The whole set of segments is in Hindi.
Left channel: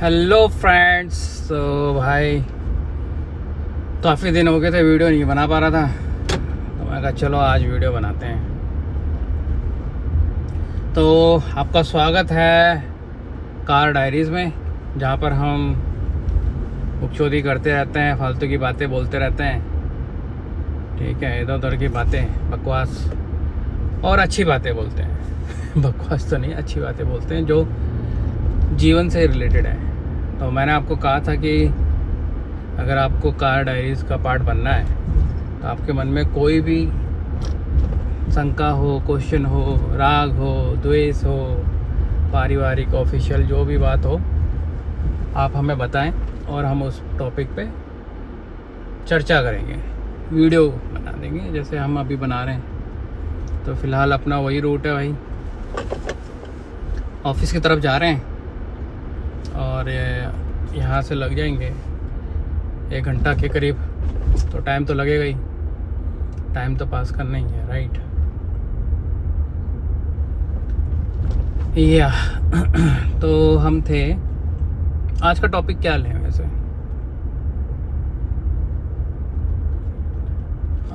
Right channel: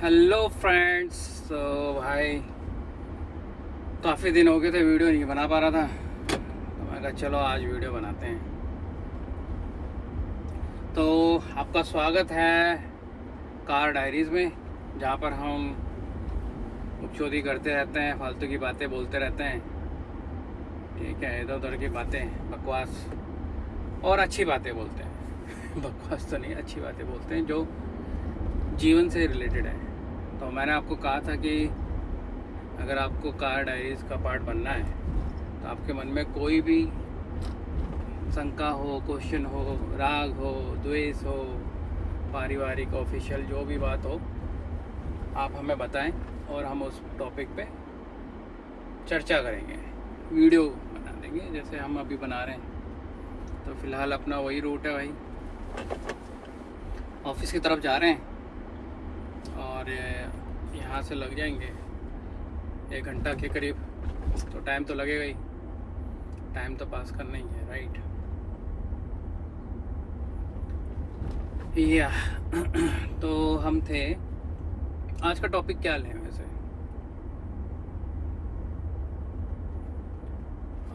Hello friends. तो भाई काफ़ी दिन हो गए थे, वीडियो नहीं बना पा रहा था, तो मैं कहा चलो आज वीडियो बनाते हैं। तो आपका स्वागत है कार डायरीज़ में, जहाँ पर हम बकचोदी करते रहते हैं, फालतू की बातें बोलते रहते हैं। ठीक है, इधर उधर की बातें, बकवास और अच्छी बातें बोलते हैं। बकवास तो नहीं, अच्छी बातें बोलते हैं जो जीवन से रिलेटेड है। तो मैंने आपको कहा था कि अगर आपको कार डायरीज़ का पार्ट बनना है तो आपके मन में कोई भी शंका हो, क्वेश्चन हो, राग हो, द्वेष हो, पारिवारिक ऑफिशियल जो भी बात हो, आप हमें बताएं और हम उस टॉपिक पे चर्चा करेंगे, वीडियो बना देंगे जैसे हम अभी बना रहे हैं। तो फ़िलहाल अपना वही रूट है भाई, ऑफिस की तरफ जा रहे हैं और यहाँ से लग जाएंगे 1 घंटा के करीब। तो टाइम तो लगेगा ही, टाइम तो पास करना ही है, राइट। या तो हम थे, आज का टॉपिक क्या लें वैसे?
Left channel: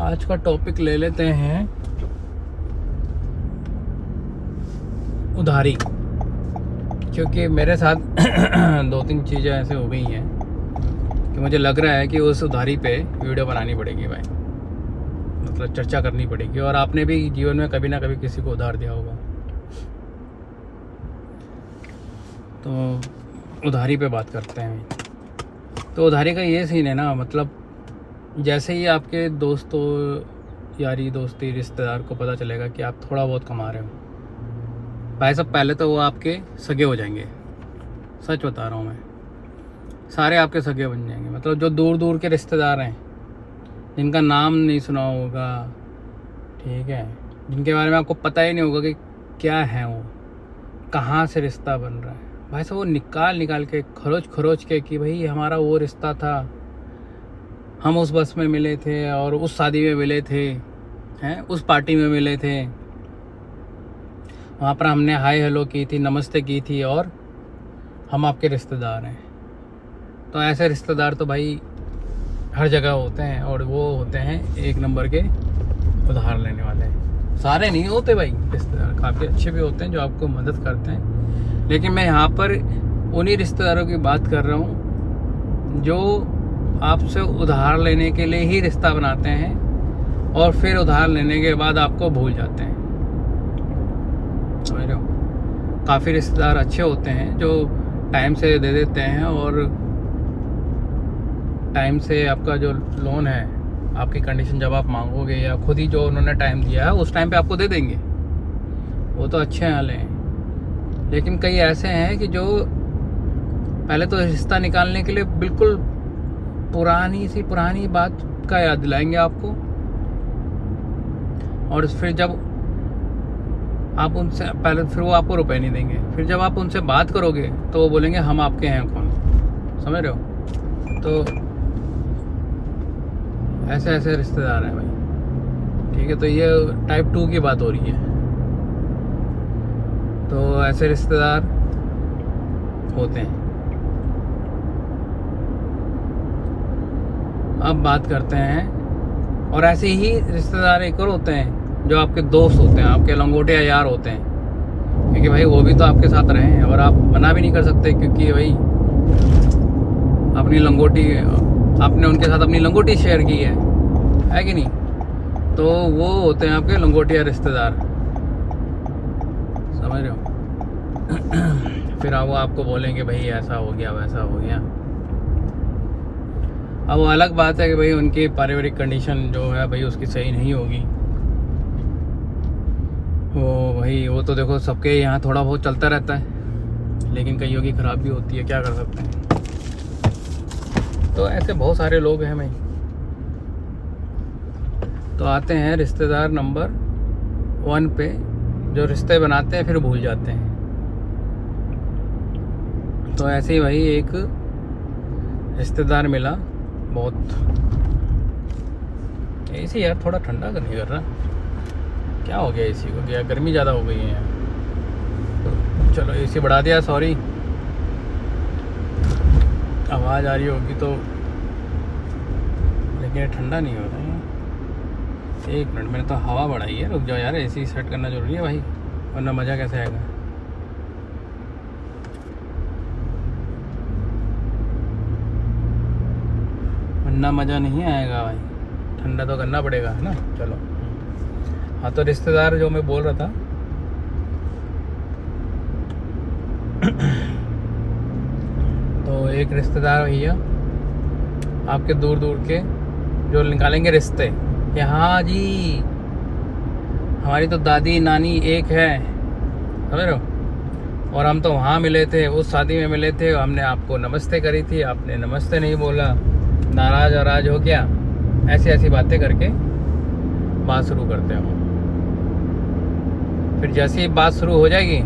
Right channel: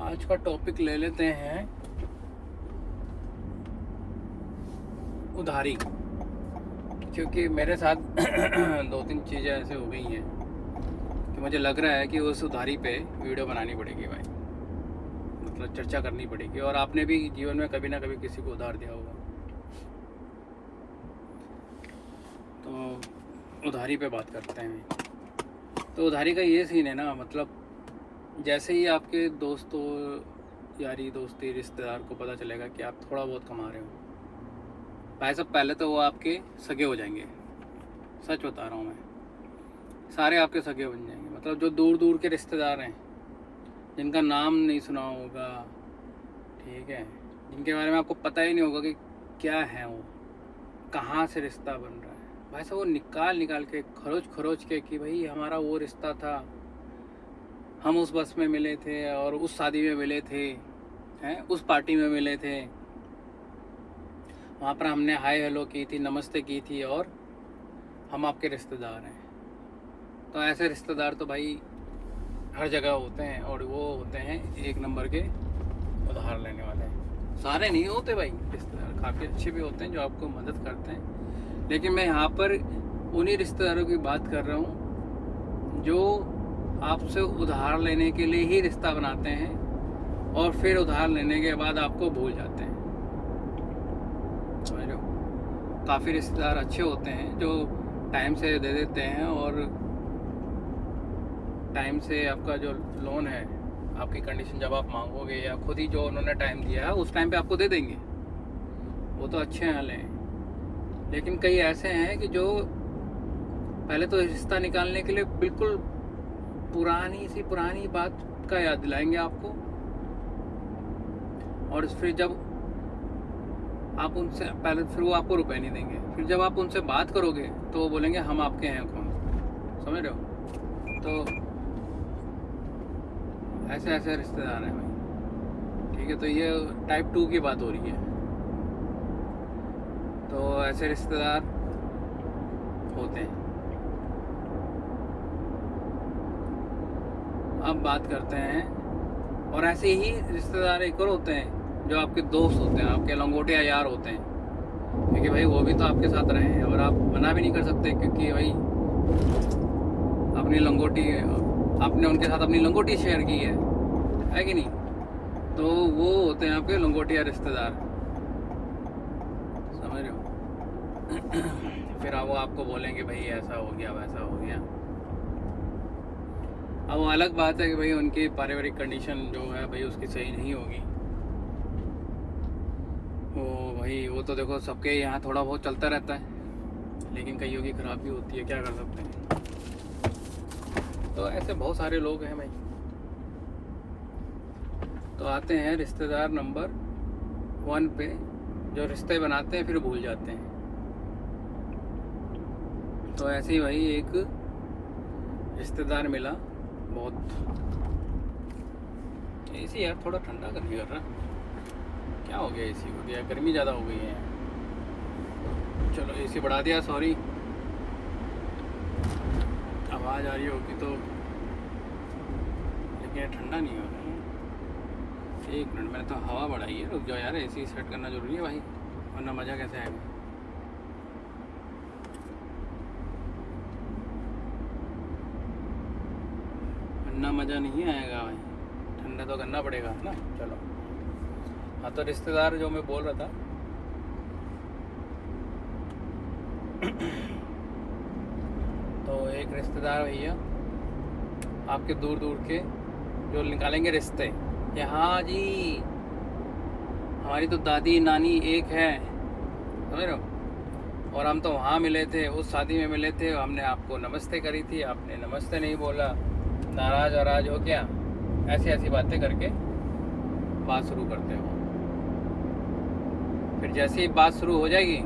आज का टॉपिक ले लेते हैं उधारी, क्योंकि मेरे साथ 2-3 चीज़ें ऐसे हो गई हैं कि मुझे लग रहा है कि उस उधारी पे वीडियो बनानी पड़ेगी भाई, मतलब चर्चा करनी पड़ेगी। और आपने भी जीवन में कभी ना कभी किसी को उधार दिया होगा, तो उधारी पे बात करते हैं। तो उधारी का ये सीन है ना, मतलब जैसे ही आपके दोस्तों, यारी दोस्ती, रिश्तेदार को पता चलेगा कि आप थोड़ा बहुत कमा रहे हो, भाई साहब पहले तो वो आपके सगे हो जाएंगे। सच बता रहा हूँ मैं, सारे आपके सगे बन जाएंगे। मतलब जो दूर दूर के रिश्तेदार हैं, जिनका नाम नहीं सुना होगा, ठीक है, जिनके बारे में आपको पता ही नहीं होगा कि क्या है वो, कहाँ से रिश्ता बन रहा है, भाई साहब वो निकाल निकाल के, खरोच खरोच के कि भाई हमारा वो रिश्ता था, हम उस बस में मिले थे और उस शादी में मिले थे, हैं उस पार्टी में मिले थे, वहाँ पर हमने हाय हेलो की थी, नमस्ते की थी, और हम आपके रिश्तेदार हैं। तो ऐसे रिश्तेदार तो भाई हर जगह होते हैं, और वो होते हैं 1 नंबर के उधार लेने वाले। सारे नहीं होते भाई, रिश्तेदार काफ़ी अच्छे भी होते हैं जो आपको मदद करते हैं, लेकिन मैं यहाँ पर उन्हीं रिश्तेदारों की बात कर रहा हूँ जो आपसे उधार लेने के लिए ही रिश्ता बनाते हैं और फिर उधार लेने के बाद आपको भूल जाते हैं। समझ रहे हो? काफ़ी रिश्तेदार अच्छे होते हैं जो टाइम से दे देते हैं, और टाइम से आपका जो लोन है, आपकी कंडीशन जब आप मांगोगे या खुद ही जो उन्होंने टाइम दिया है उस टाइम पे आपको दे देंगे, वो तो अच्छे वाले हैं। लेकिन कई ऐसे हैं कि जो पहले तो रिश्ता निकालने के लिए बिल्कुल पुरानी बात का याद दिलाएंगे आपको, और फिर जब आप उनसे पहले, फिर वो आपको रुपए नहीं देंगे। फिर जब आप उनसे बात करोगे तो वो बोलेंगे हम आपके हैं कौन। समझ रहे हो? तो ऐसे ऐसे रिश्तेदार हैं भाई, ठीक है। तो ये टाइप 2 की बात हो रही है। तो ऐसे रिश्तेदार होते हैं। अब बात करते हैं, और ऐसे ही रिश्तेदार एक और होते हैं जो आपके दोस्त होते हैं, आपके लंगोटे यार होते हैं, क्योंकि भाई वो भी तो आपके साथ रहे हैं और आप मना भी नहीं कर सकते, क्योंकि भाई अपनी लंगोटी, आपने उनके साथ अपनी लंगोटी शेयर की है कि नहीं? तो वो होते हैं आपके लंगोटिया रिश्तेदार। समझ रहे हो? फिर वो आपको बोलेंगे भाई ऐसा हो गया, वैसा हो गया। अब वो अलग बात है कि भाई उनकी पारिवारिक कंडीशन जो है भाई उसकी सही नहीं होगी, वो भाई वो तो देखो सबके यहाँ थोड़ा बहुत चलता रहता है, लेकिन कईयों की ख़राब भी होती है, क्या कर सकते हैं। तो ऐसे बहुत सारे लोग हैं भाई। तो आते हैं रिश्तेदार नंबर 1 पे, जो रिश्ते बनाते हैं फिर भूल जाते हैं। तो ऐसे ही भाई एक रिश्तेदार मिला, बहुत एसी यार थोड़ा ठंडा तो नहीं कर रहा, क्या हो गया एसी को? क्या गर्मी ज़्यादा हो गई है? चलो एसी बढ़ा दिया, सॉरी। आवाज़ आ रही होगी तो, लेकिन ये ठंडा नहीं हो रहा है। एक मिनट, मैंने तो हवा बढ़ाई है, रुक जाओ यार, एसी सेट करना ज़रूरी है भाई, वरना मज़ा कैसे आएगा। वरना मज़ा नहीं आएगा भाई, ठंडा तो करना पड़ेगा, है ना। चलो, हाँ तो रिश्तेदार जो मैं बोल रहा था तो एक रिश्तेदार भैया आपके दूर दूर के जो निकालेंगे रिश्ते कि हाँ जी हमारी तो दादी नानी एक है, समझ रहे हो, और हम तो वहाँ मिले थे, उस शादी में मिले थे, हमने आपको नमस्ते करी थी, आपने नमस्ते नहीं बोला, नाराज हो क्या, ऐसी ऐसी बातें करके बात शुरू करते हैं हम। फिर जैसे ही बात शुरू हो जाएगी,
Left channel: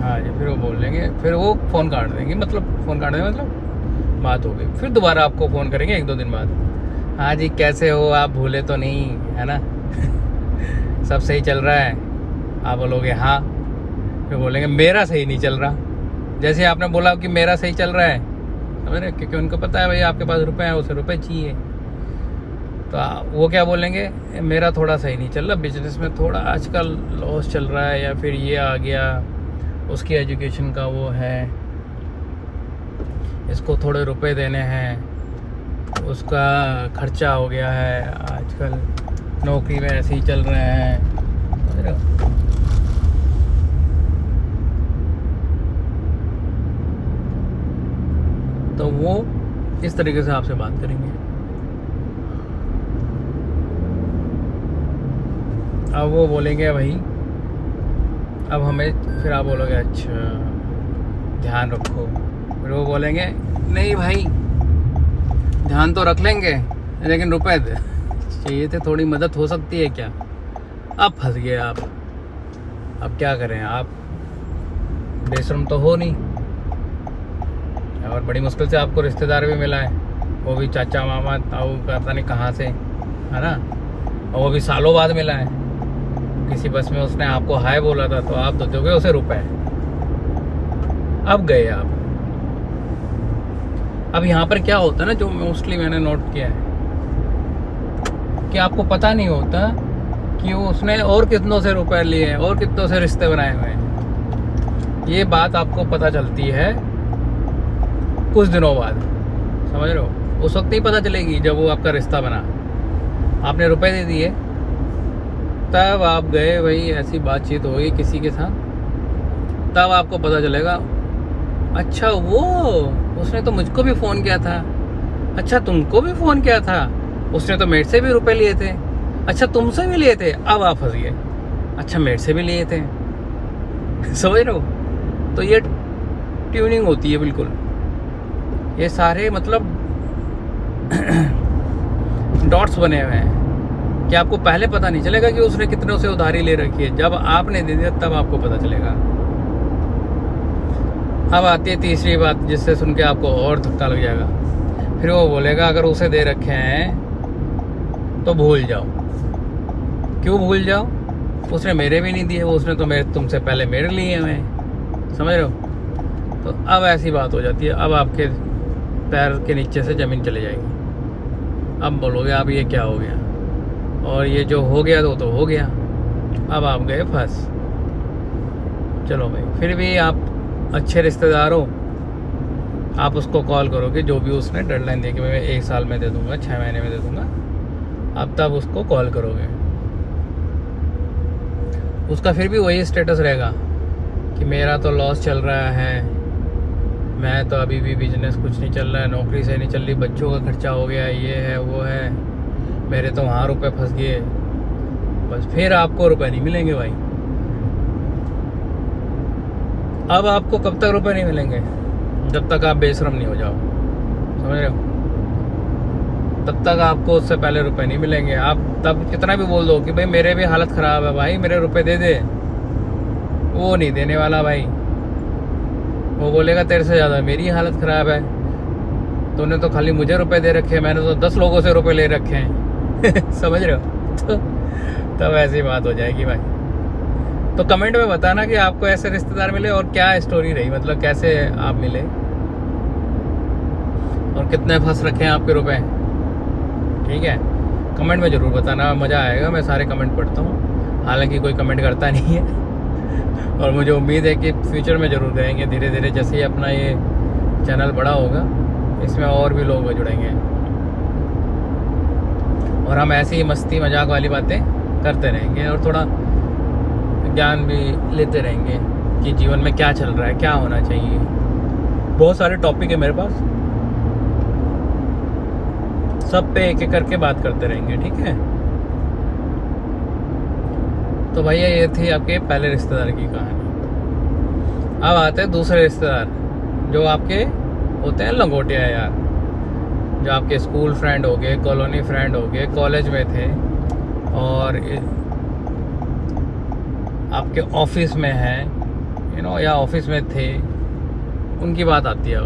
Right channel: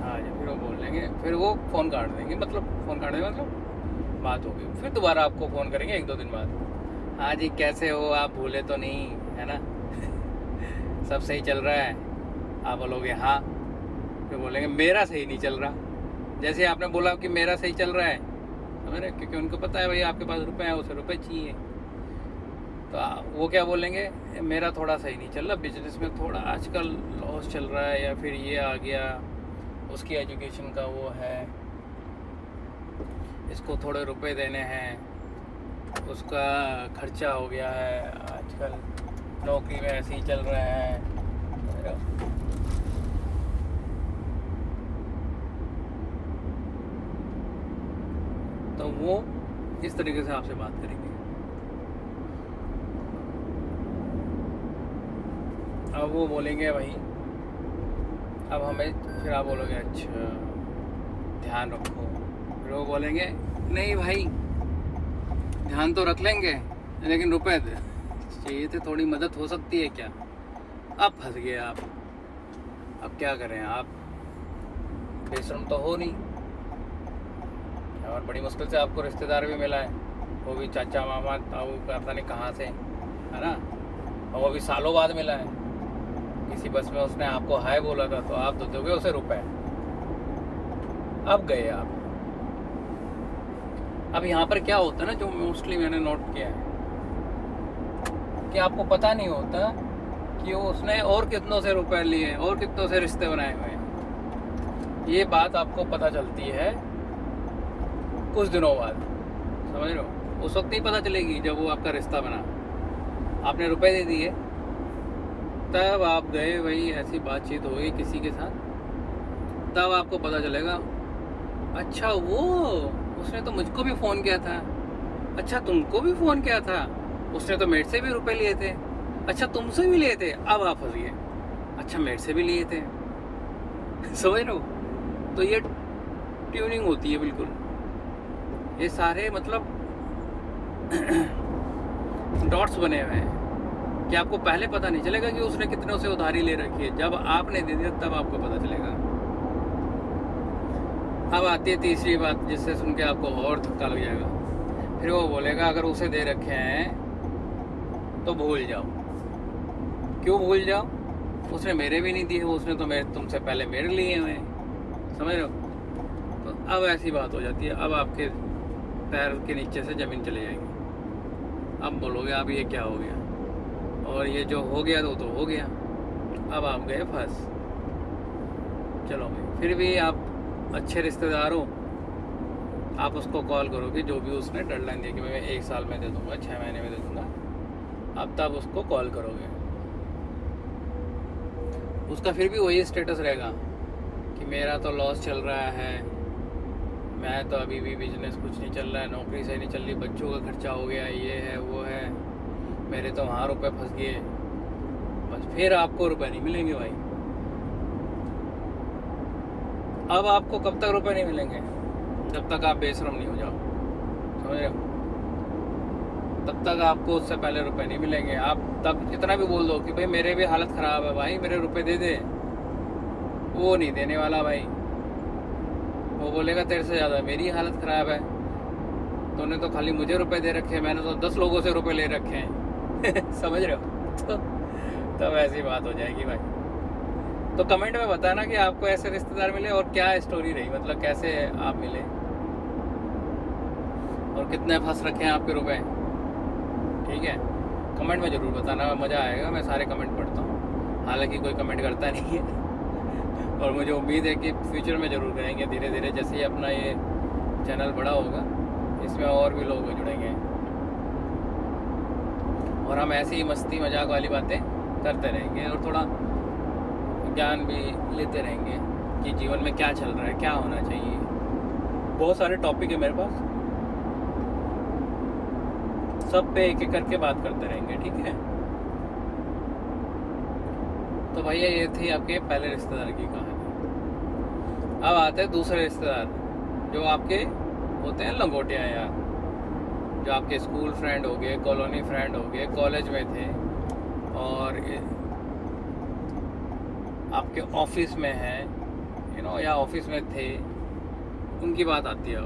हाँ जी, फिर वो बोल लेंगे, फिर वो फ़ोन काट देंगे, मतलब फ़ोन काट देंगे मतलब बात हो गई। फिर दोबारा आपको फ़ोन करेंगे 1-2 दिन बाद, हाँ जी कैसे हो, आप भूले तो नहीं, है ना सब सही चल रहा है। आप बोलोगे हाँ, फिर बोलेंगे मेरा सही नहीं चल रहा। जैसे आपने बोला कि मेरा सही चल रहा है, समझ रहे, क्योंकि उनको पता है भाई आपके पास रुपए हैं, उसे रुपए चाहिए, तो वो क्या बोलेंगे, मेरा थोड़ा सही नहीं चल रहा, बिजनेस में थोड़ा आजकल लॉस चल रहा है, या फिर ये आ गया, उसकी एजुकेशन का वो है, इसको थोड़े रुपए देने हैं, उसका खर्चा हो गया है, आजकल नौकरी में ऐसे ही चल रहे हैं। तो वो इस तरीके से आपसे बात करेंगे। अब वो बोलेंगे भाई, अब हमें, फिर आप बोलोगे अच्छा ध्यान रखो, फिर वो बोलेंगे नहीं भाई ध्यान तो रख लेंगे, लेकिन रुपए चाहिए थे, थोड़ी मदद हो सकती है क्या। अब फंस गए आप, अब क्या करें, आप बेशर्म तो हो नहीं, और बड़ी मुश्किल से आपको रिश्तेदार भी मिला है, वो भी चाचा मामा ताऊ पता नहीं कहाँ से, है ना, और वो भी सालों बाद मिला है, किसी बस में उसने आपको हाय बोला था, तो आप तो दोगे उसे रुपए। अब गए आप। अब यहाँ पर क्या होता है ना, जो मोस्टली मैंने नोट किया है कि आपको पता नहीं होता कि उसने और कितनों से रुपए लिए हैं और कितनों से रिश्ते बनाए हुए हैं। ये बात आपको पता चलती है कुछ दिनों बाद, समझ रहे हो, उस वक्त नहीं पता चलेगी जब वो आपका रिश्ता बना, आपने रुपए दे दिए, तब आप गए, वही ऐसी बातचीत होगी किसी के साथ, तब आपको पता चलेगा अच्छा वो उसने तो मुझको भी फ़ोन किया था, अच्छा तुमको भी फ़ोन किया था, उसने तो मेरे से भी रुपए लिए थे, अच्छा तुमसे भी लिए थे। अब आप फंस गए, अच्छा मेरे से भी लिए थे समझ रहे हो। तो ये ट्यूनिंग होती है बिल्कुल, ये सारे मतलब डॉट्स बने हुए हैं कि आपको पहले पता नहीं चलेगा कि उसने कितनों से उधारी ले रखी है, जब आपने दे दिया तब आपको पता चलेगा। अब आती है तीसरी बात, जिससे सुन के आपको और धक्का लग जाएगा। फिर वो बोलेगा अगर उसे दे रखे हैं तो भूल जाओ। क्यों भूल जाओ, उसने मेरे भी नहीं दिए, उसने तो मेरे तुमसे पहले मेरे लिए हुए हैं, समझ रहे हो। तो अब ऐसी बात हो जाती है, अब आपके पैर के नीचे से ज़मीन चली जाएगी। अब बोलोगे आप ये क्या हो गया, और ये जो हो गया तो हो गया, अब आप गए फंस। चलो भाई, फिर भी आप अच्छे रिश्तेदार हो, आप उसको कॉल करोगे, जो भी उसने डेडलाइन दी कि मैं 1 साल में दे दूंगा, 6 महीने में दे दूंगा, आप तब उसको कॉल करोगे। उसका फिर भी वही स्टेटस रहेगा कि मेरा तो लॉस चल रहा है, मैं तो अभी भी बिजनेस कुछ नहीं चल रहा है, नौकरी सही नहीं चल रही, बच्चों का खर्चा हो गया, ये है वो है, मेरे तो वहाँ रुपए फंस गए। बस फिर आपको रुपए नहीं मिलेंगे भाई। अब आपको कब तक रुपए नहीं मिलेंगे, जब तक आप बेशरम नहीं हो जाओ, समझ रहे हो, तब तक आपको उससे पहले रुपए नहीं मिलेंगे। आप तब कितना भी बोल दो कि भाई मेरे भी हालत ख़राब है भाई, मेरे रुपए दे दे, वो नहीं देने वाला भाई। वो बोलेगा तेरे से ज़्यादा मेरी हालत ख़राब है, तूने तो खाली मुझे रुपए दे रखे हैं, मैंने तो 10 लोगों से रुपए ले रखे हैं समझ रहे हो। तब ऐसी बात हो जाएगी भाई। तो कमेंट में बताना कि आपको ऐसे रिश्तेदार मिले और क्या स्टोरी रही, मतलब कैसे आप मिले। और कितने फंस रखे हैं आपके रुपए, ठीक है। कमेंट में ज़रूर बताना, मज़ा आएगा। मैं सारे कमेंट पढ़ता हूँ, हालांकि कोई कमेंट करता नहीं है और मुझे उम्मीद है कि फ्यूचर में ज़रूर करेंगे धीरे धीरे, जैसे ही अपना ये चैनल बड़ा होगा इसमें और भी लोग जुड़ेंगे और हम ऐसे ही मस्ती मजाक वाली बातें करते रहेंगे और थोड़ा ज्ञान भी लेते रहेंगे कि जीवन में क्या चल रहा है, क्या होना चाहिए। बहुत सारे टॉपिक है मेरे पास, सब पे एक एक करके बात करते रहेंगे, ठीक है। तो भैया ये थी आपके पहले रिश्तेदार की कहानी। अब आते हैं दूसरे रिश्तेदार, जो आपके होते हैं लंगोटिया यार, जो आपके स्कूल फ्रेंड हो गए, कॉलोनी फ्रेंड हो गए, कॉलेज में थे और आपके ऑफिस में हैं, या ऑफिस में थे, उनकी बात आती है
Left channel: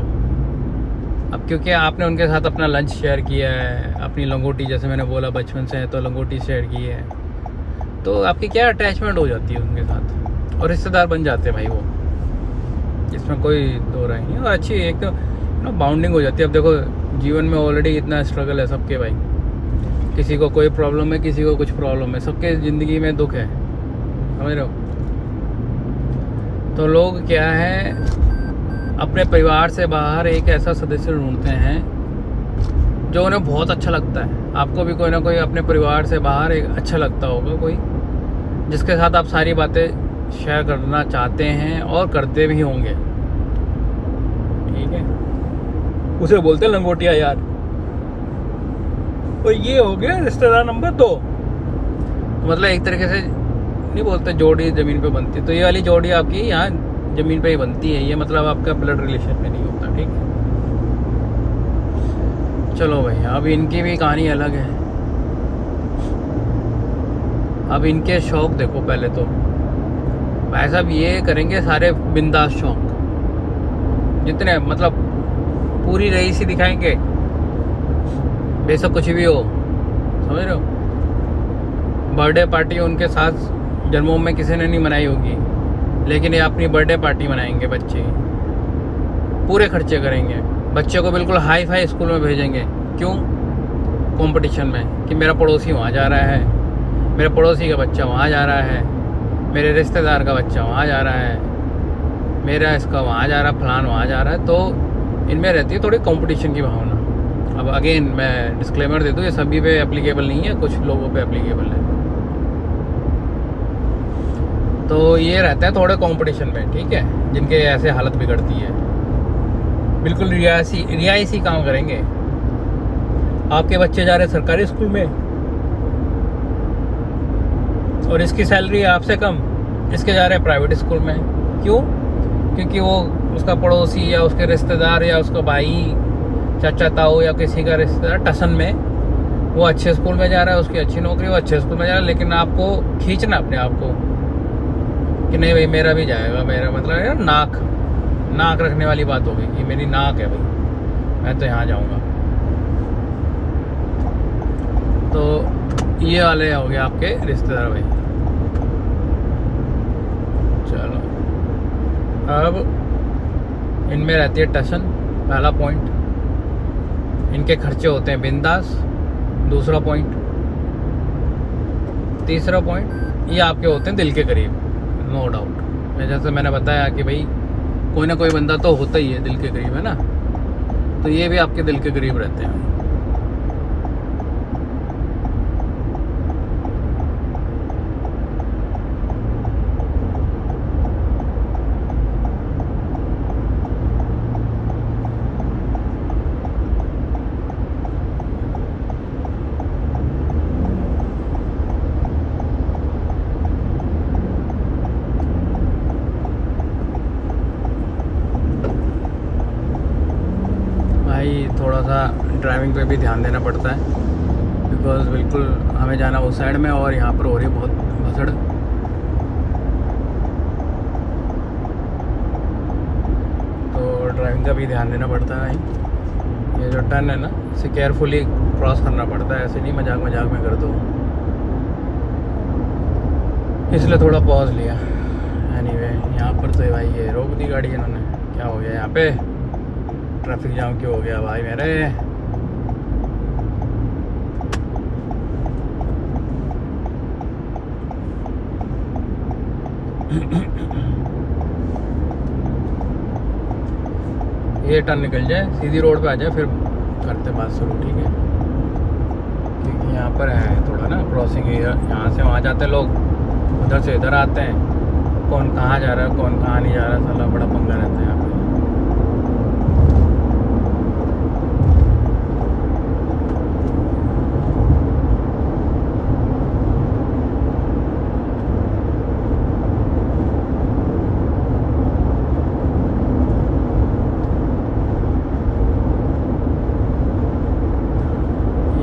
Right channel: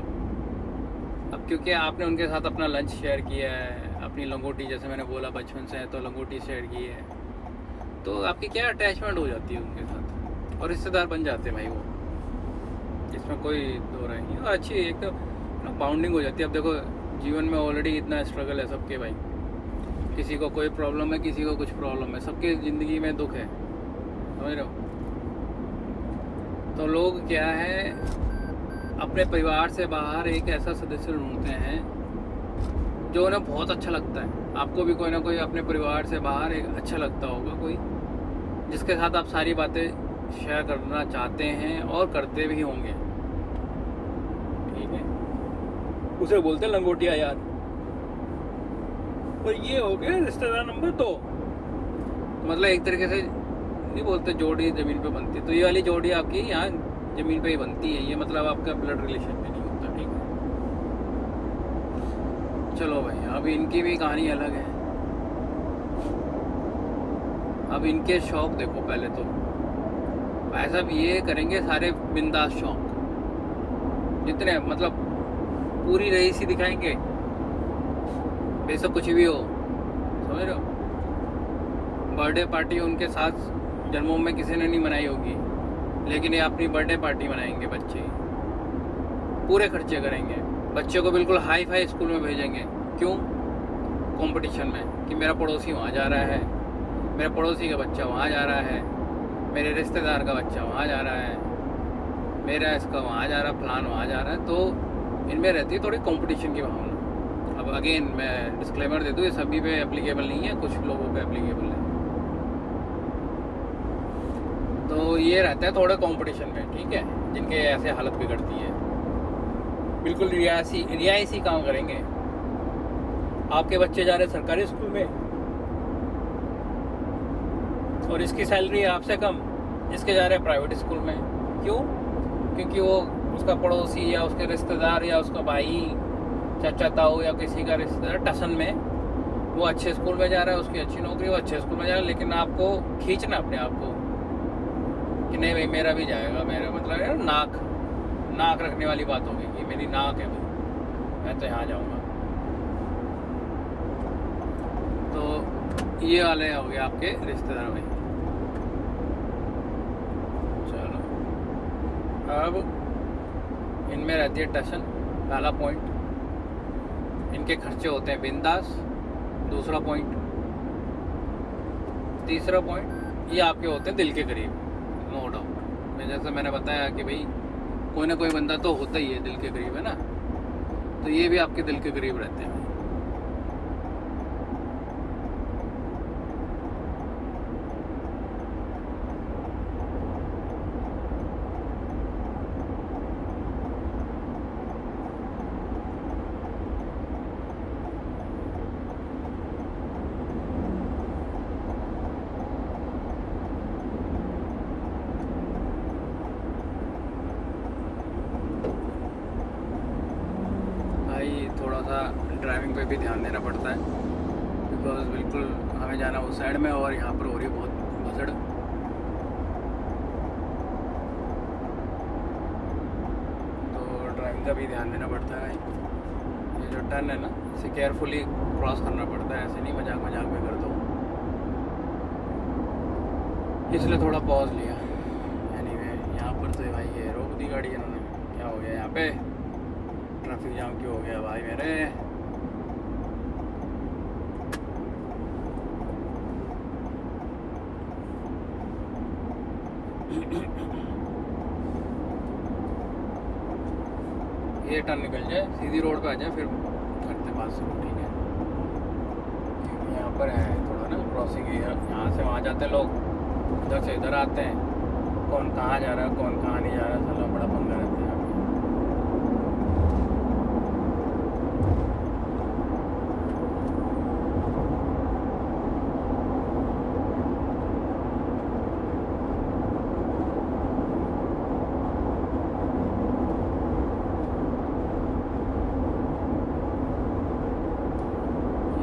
अब क्योंकि आपने उनके साथ अपना लंच शेयर किया है, अपनी लंगोटी, जैसे मैंने बोला बचपन से है तो लंगोटी शेयर की है, तो आपकी क्या अटैचमेंट हो जाती है उनके साथ और रिश्तेदार बन जाते हैं भाई वो, इसमें कोई दो राय नहीं। और अच्छी एक तो बाउंडिंग हो जाती है। अब देखो जीवन में ऑलरेडी इतना स्ट्रगल है सबके भाई, किसी को कोई प्रॉब्लम है, किसी को कुछ प्रॉब्लम है, सबके ज़िंदगी में दुख है, समझ रहे हो। तो लोग क्या है, अपने परिवार से बाहर एक ऐसा सदस्य ढूंढते हैं जो उन्हें बहुत अच्छा लगता है। आपको भी कोई ना कोई अपने परिवार से बाहर एक अच्छा लगता होगा, कोई जिसके साथ आप सारी बातें शेयर करना चाहते हैं और करते भी होंगे, ठीक है। उसे बोलते हैं लंगोटिया यार। और ये हो गया रिश्तेदार नंबर 2। मतलब एक तरीके से नहीं बोलते जोड़ी ज़मीन पे बनती, तो ये वाली जोड़ी आपकी यहाँ ज़मीन पे ही बनती है, ये मतलब आपका ब्लड रिलेशन में नहीं होता, ठीक है। चलो भाई, अब इनकी भी कहानी अलग है। अब इनके शौक देखो, पहले तो भाई साहब ये करेंगे सारे बिंदास शौक, जितने मतलब पूरी रईसी दिखाएंगे, बेशक कुछ भी हो, समझ रहे हो। बर्थडे पार्टी उनके साथ जन्मों में किसी ने नहीं मनाई होगी, लेकिन ये अपनी बर्थडे पार्टी मनाएंगे, बच्चे पूरे खर्चे करेंगे, बच्चे को बिल्कुल हाई फाई स्कूल में भेजेंगे। क्यों? कंपटीशन में कि मेरा पड़ोसी वहाँ जा रहा है, मेरे पड़ोसी का बच्चा वहाँ जा रहा है, मेरे रिश्तेदार का बच्चा वहाँ जा रहा है, मेरा इसका वहाँ जा रहा है, फलान वहाँ जा रहा है। तो इनमें रहती है थोड़ी कंपटीशन की भावना। अब अगेन मैं डिस्क्लेमर दे दूँ, ये सभी पे एप्लीकेबल नहीं है, कुछ लोगों पे एप्लीकेबल है। तो ये रहता है थोड़े कंपटीशन में, ठीक है, जिनके ऐसे हालत बिगड़ती है, बिल्कुल रियायती काम करेंगे। आपके बच्चे जा रहे हैं सरकारी स्कूल में और इसकी सैलरी आपसे कम, इसके जा रहे हैं प्राइवेट स्कूल में। क्यों? क्योंकि वो उसका पड़ोसी या उसके रिश्तेदार या उसका भाई, चाचा ताऊ या किसी का रिश्तेदार टसन में वो अच्छे स्कूल में जा रहा है, उसकी अच्छी नौकरी, वो अच्छे स्कूल में जा रहा है, लेकिन आपको खींचना अपने आप को कि नहीं भाई मेरा भी जाएगा, मेरा मतलब है नाक रखने वाली बात होगी कि मेरी नाक है भाई, मैं तो यहाँ जाऊँगा। तो ये वाले हो गए आपके रिश्तेदार भाई। चलो, अब इनमें रहती है टशन, पहला पॉइंट। इनके खर्चे होते हैं बिंदास, दूसरा पॉइंट। तीसरा पॉइंट, ये आपके होते हैं दिल के करीब, नो डाउट। जैसे मैंने बताया कि भाई कोई ना कोई बंदा तो होता ही है दिल के करीब, है ना। तो ये भी आपके दिल के करीब रहते हैं। थोड़ा सा ड्राइविंग पे भी ध्यान देना पड़ता है, बिकॉज बिल्कुल हमें जाना उस साइड में और यहाँ पर हो रही है बहुत भसड़। तो ड्राइविंग का भी ध्यान देना पड़ता है। ये जो टर्न है ना, इसे केयरफुली क्रॉस करना पड़ता है, ऐसे नहीं मजाक में कर दो, इसलिए थोड़ा पॉज लिया। एनीवे, यहाँ पर तो भाई ये रोक दी गाड़ी इन्होंने, क्या हो गया यहाँ पे। ट्रैफिक जाम क्यों हो गया भाई मेरे। ये टर्न निकल जाए, सीधी रोड पे आ जाए, फिर करते बात शुरू, ठीक है। क्योंकि यहाँ पर है थोड़ा ना क्रॉसिंग, यहाँ से वहाँ जाते हैं लोग, उधर से इधर आते हैं, कौन कहाँ जा रहा है कौन कहाँ नहीं जा रहा है, साला बड़ा पंगा रहता है यहाँ पे।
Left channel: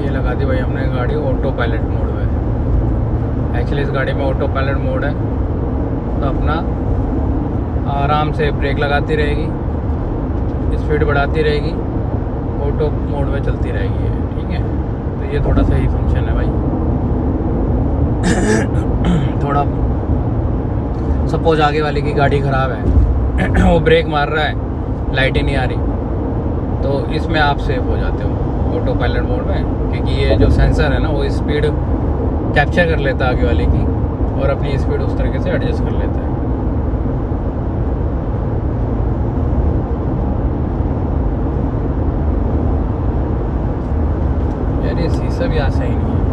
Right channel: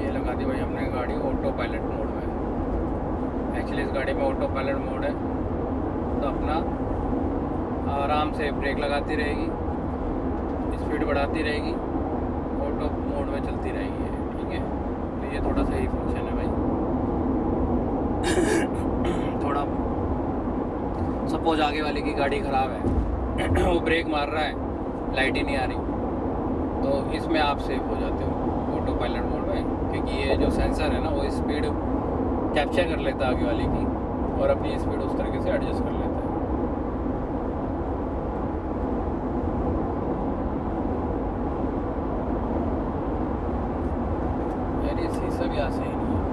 ये लगा दी भाई हमने गाड़ी ऑटो पायलट मोड में। एक्चुअली इस गाड़ी में ऑटो पायलट मोड है, तो अपना आराम से ब्रेक लगाती रहेगी, स्पीड बढ़ाती रहेगी, ऑटो मोड में चलती रहेगी, ठीक है। तो ये थोड़ा सही फंक्शन है भाई। थोड़ा सपोज आगे वाले की गाड़ी ख़राब है वो ब्रेक मार रहा है, लाइट ही नहीं आ रही, तो इसमें आप सेफ हो जाते हो ऑटो पायलट मोड में, क्योंकि ये जो सेंसर है ना वो स्पीड कैप्चर कर लेता है आगे वाले की, और अपनी स्पीड उस तरीके से एडजस्ट कर लेता है। यार ये शीशा भी आज सही नहीं है।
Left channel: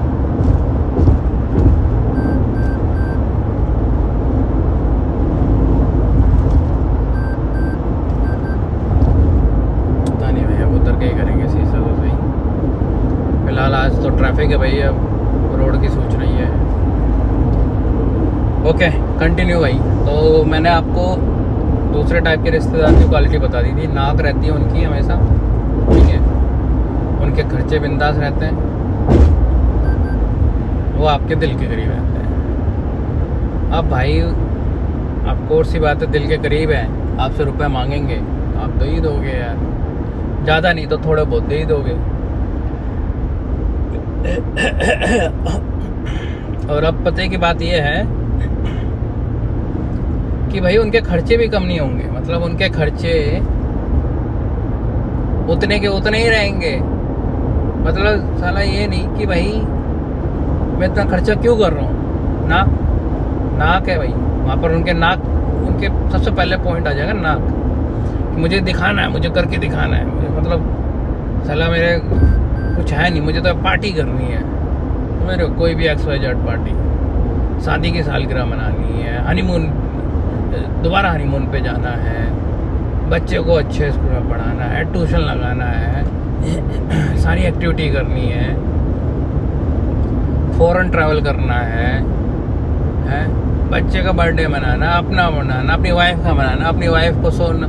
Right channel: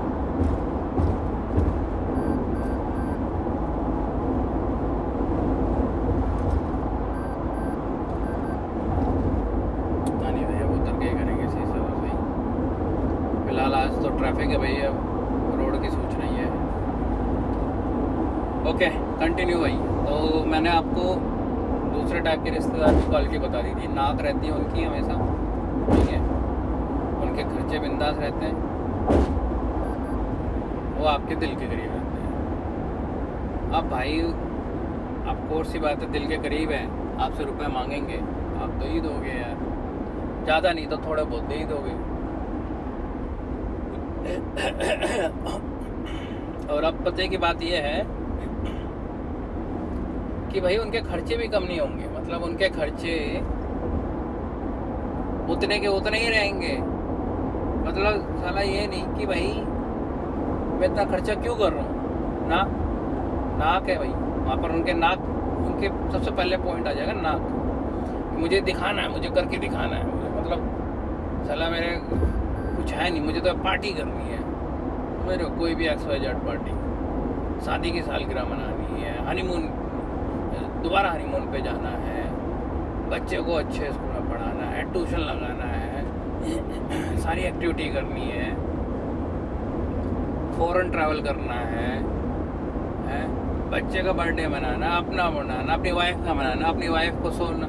पता नहीं भैया उतर के ही करेंगे शीशा तो सही। फिलहाल आज तो ट्रैफिक है भाई, अब रोड की सोच नहीं है। ओके कंटिन्यू भाई। तो मैंने आपको दूसरे टाइप के रिश्तेदार की क्वालिटी बता दी थी। नाक रहती है उनकी हमेशा, ठीक है, उनके खर्चे बिंदास रहते हैं, वो आपके दिल के करीब रहते हैं। अब भाई आपको और सी बात है, दिल के करीब है, आपसे रुपए मांगेंगे, आप दे ही दोगे यार, ज़्यादा नहीं तो थोड़े बहुत दे ही दोगे। और अब पते की बात यह है कि भाई उनके खर्चे भी कम नहीं होंगे, मतलब उनके खर्चे उतने के उतने ही रहेंगे। मतलब साला ये नहीं कि भाई मैं इतना खर्चा क्यों कर रहा हूँ, ना नाक है भाई वहाँ पर, उनके नाक, उनके सबसे पहले पॉइंट आ जाएगा नाक। मुझे दिखाना है, मुझे करके दिखाना है, मतलब साला मेरे कुछ है नहीं, मुझे तो पार्टी करनी है। तो मेरे कोई भी XYZ पार्टी, शादी की सालगिरह मनानी है, हनीमून, दोबारा हनीमून पे जाना है, बच्चे को अच्छे स्कूल में पढ़ाना है, ट्यूशन लगाना है, सारी एक्टिविटी करनी है, फॉरेन ट्रैवल करना है, बच्चे का बर्थडे मनाना, अपना मनाना, अपनी वाइफ का मनाना, अपनी वाइफ को सोन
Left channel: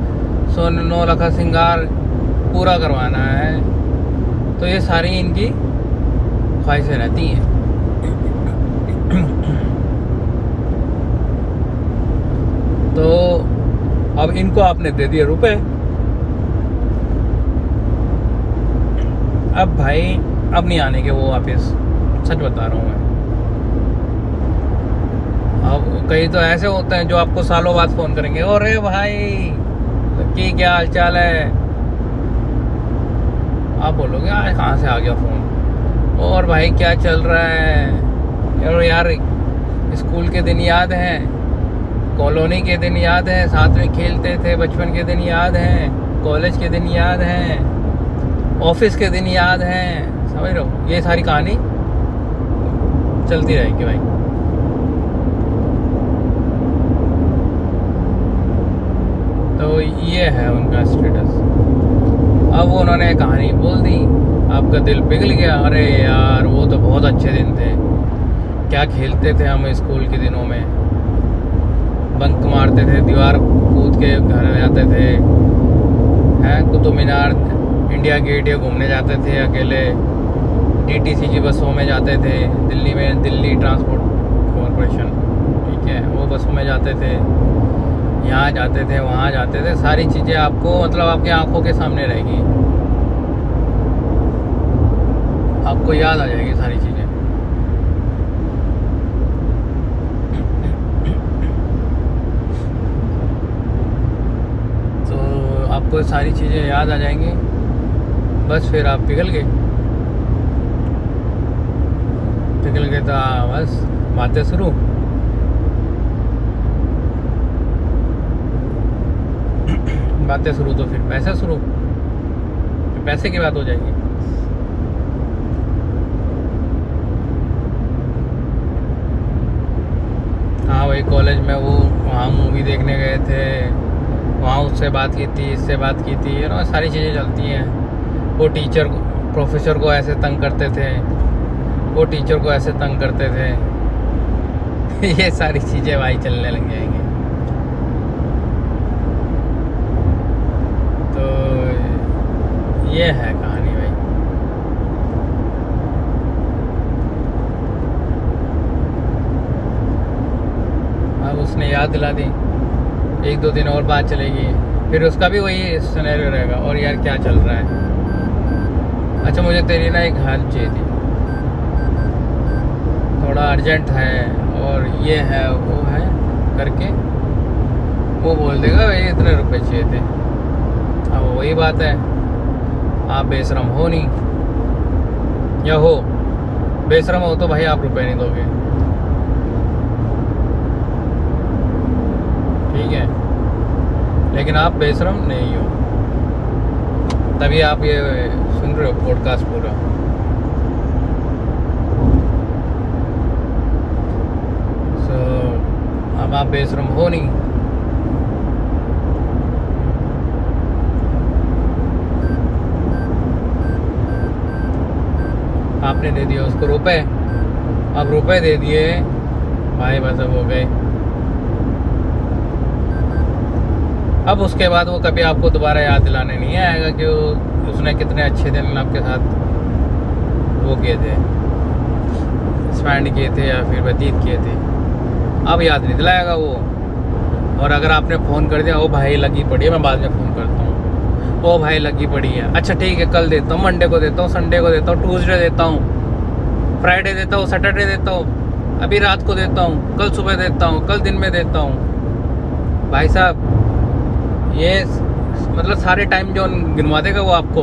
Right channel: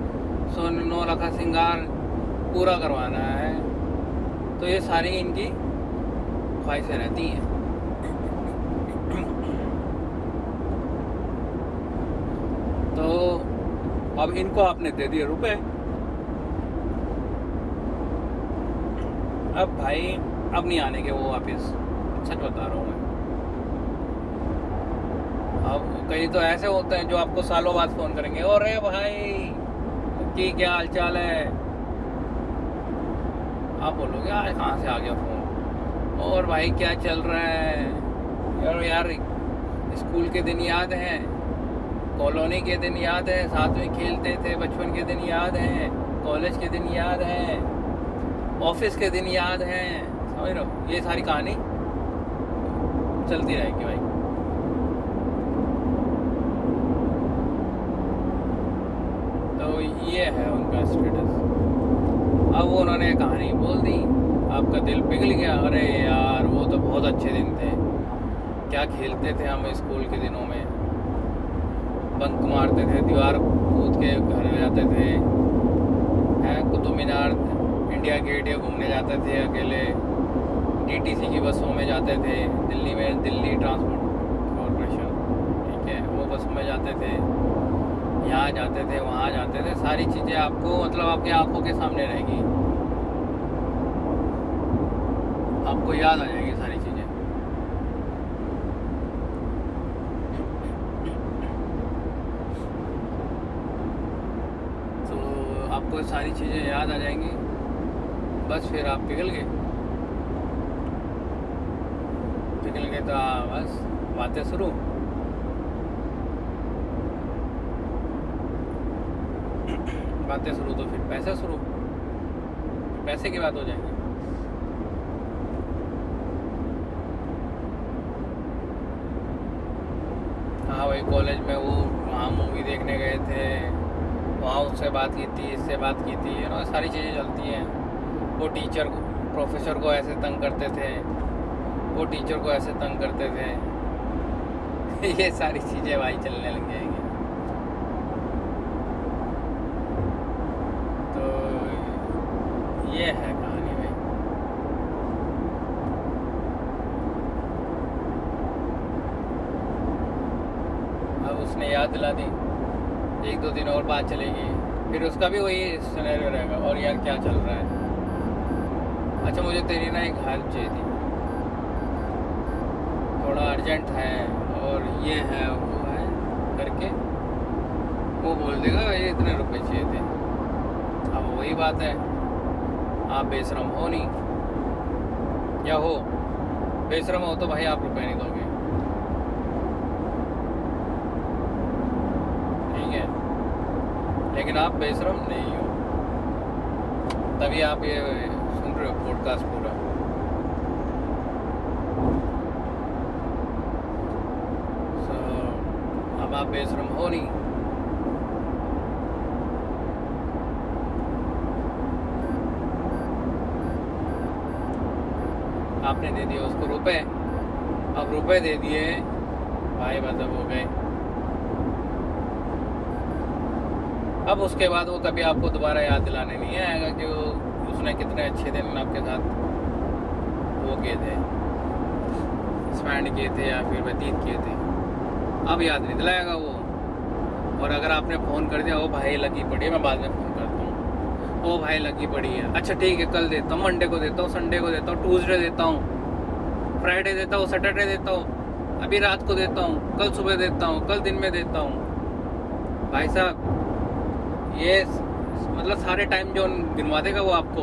9 लाख का श्रृंगार पूरा करवाना है। तो ये सारी इनकी ख्वाहिशें रहती हैं। तो अब इनको आपने दे दिए रुपए, अब भाई अब नहीं आने के वो वापस, सच बता रहा हूँ मैं। अब कई तो ऐसे होते हैं जो आपको सालों बाद फ़ोन करेंगे, अरे भाई की क्या हाल चाल है, आप बोलोगे आज कहाँ से आ गया फ़ोन, और भाई क्या चल रहा है, और यार स्कूल के दिन याद हैं, कॉलोनी के दिन याद हैं, साथ में खेलते थे बचपन के दिन याद हैं, कॉलेज के दिन याद हैं, ऑफिस के दिन याद हैं, समझ रहे हो। ये सारी कहानी चलती रहेगी भाई। तो ये है उनका स्टेटस। अब वो उन्होंने कहानी बोल दी, आपका दिल पिघल गया। अरे यार वो तो बहुत अच्छे दिन थे, क्या खेलते थे हम स्कूल के दिनों में, बंक मारते थे, दीवार कूद के घर आ जाते थे, हैं कुतुब मीनार, इंडिया गेट, ये घूमने जाते थे अकेले, DTC की बसों में जाते थे, दिल्ली में दिल्ली ट्रांसपोर्ट कॉरपोरेशन, ठीक है, वो बसों में जाते थे, यहाँ जाते थे वहाँ जाते थे, सारी चीज़ें आपको मतलब आपकी आंखों के सामने रहेगी, आपको याद आ जाएगी सारी चीज़ें। आपको सारी चीज़ें याद आ जाएंगी, बस फिर आप पिघल गए तो बस बातें शुरू। बातें शुरू तो फिर पैसे शुरू, फिर पैसे की बात हो जाएगी। हाँ भाई, कॉलेज में वो वहाँ मूवी देखने गए थे, वहाँ उससे बात की थी, इससे बात की थी, ना सारी चीज़ें चलती हैं। वो टीचर को, प्रोफेसर को ऐसे तंग करते थे, वो टीचर को ऐसे तंग करते थे। ये सारी चीज़ें भाई चलने लग जाएंगी। तो ये है कहानी भाई। अब उसने याद दिला दी, 1-2 दिन और बात चलेगी, फिर उसका भी वही सिनेरियो रहेगा। और यार क्या चल रहा है? अच्छा, मुझे तेरी ना एक हेल्प चाहिए थी, थोड़ा अर्जेंट है, और ये है वो है करके वो बोल देगा भाई इतने रुपए चाहिए थे। अब वही बात है, आप बेशरम हो नहीं, या हो बेशरम हो तो भाई आप रुपए नहीं दोगे, ठीक है? लेकिन आप बेशरम नहीं हो, तभी आप ये सुन रहे हो पॉडकास्ट पूरा। अब आप बेशरम हो नहीं, आपने दे दिया उसको रुपए। अब रुपए दे दिए भाई, बस अब हो गए। अब उसके बाद वो कभी आपको दोबारा याद दिलाने नहीं आएगा कि उसने कितने अच्छे दिन आपके साथ वो किए थे, स्पेंड किए थे या फिर व्यतीत किए थे। अब याद नहीं दिलाएगा वो। और अगर आपने फ़ोन कर दिया, ओ भाई लगी पड़ी है, मैं बाद में फ़ोन करता हूँ, ओ भाई लगी पड़ी है, अच्छा ठीक है कल देता हूँ, मंडे को देता हूँ, संडे को देता हूँ, ट्यूसडे देता हूँ, फ्राइडे देता हूँ, सैटरडे देता हूँ, अभी रात को देता हूँ, कल सुबह देता हूँ, कल दिन में देता हूँ। भाई साहब, ये मतलब सारे टाइम जो गिनवा देगा वो आपको।